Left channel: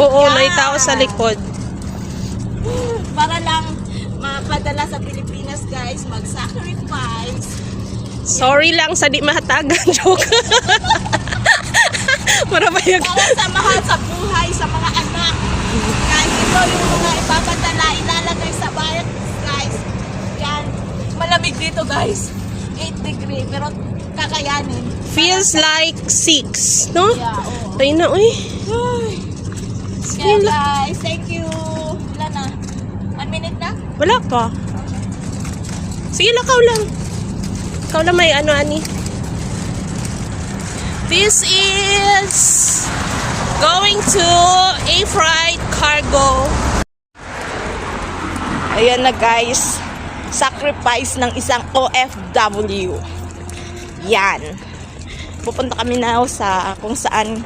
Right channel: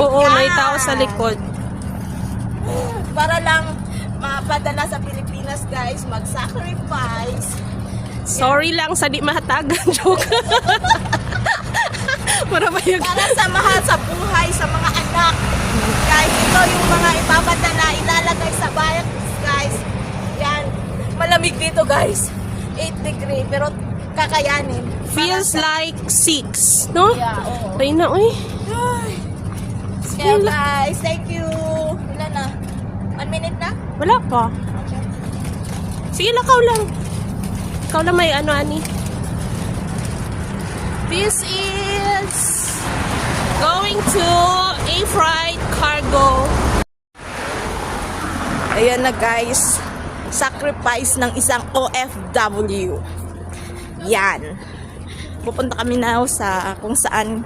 Oo, Yan. may tao sa likod. Para lang mapadala sa Pilipinas, guys, mag-sacrifice. Sorry lang sa di mahatagan. Joke. Marabayag. Para sa mahal sa buhay, sa mga anak. Guys, ito yung mga ipapadala, ilalagay sa bayan, guys. Yan. Malamig dito, guys. 8 degree, pero kakayanin. Feels like 6, no? Yeah, oo. Tayo na, uy. Kaya guys, thank you. Ilan na? 1 minute na? Wala pa. Okay. Sige, lakaw lang. Ikaw lang may ano, ani. This is going to a freight cargo. Ayan na guys. Sacrifice ng isang OFW. Yan. Pupunta kami na sa kung saan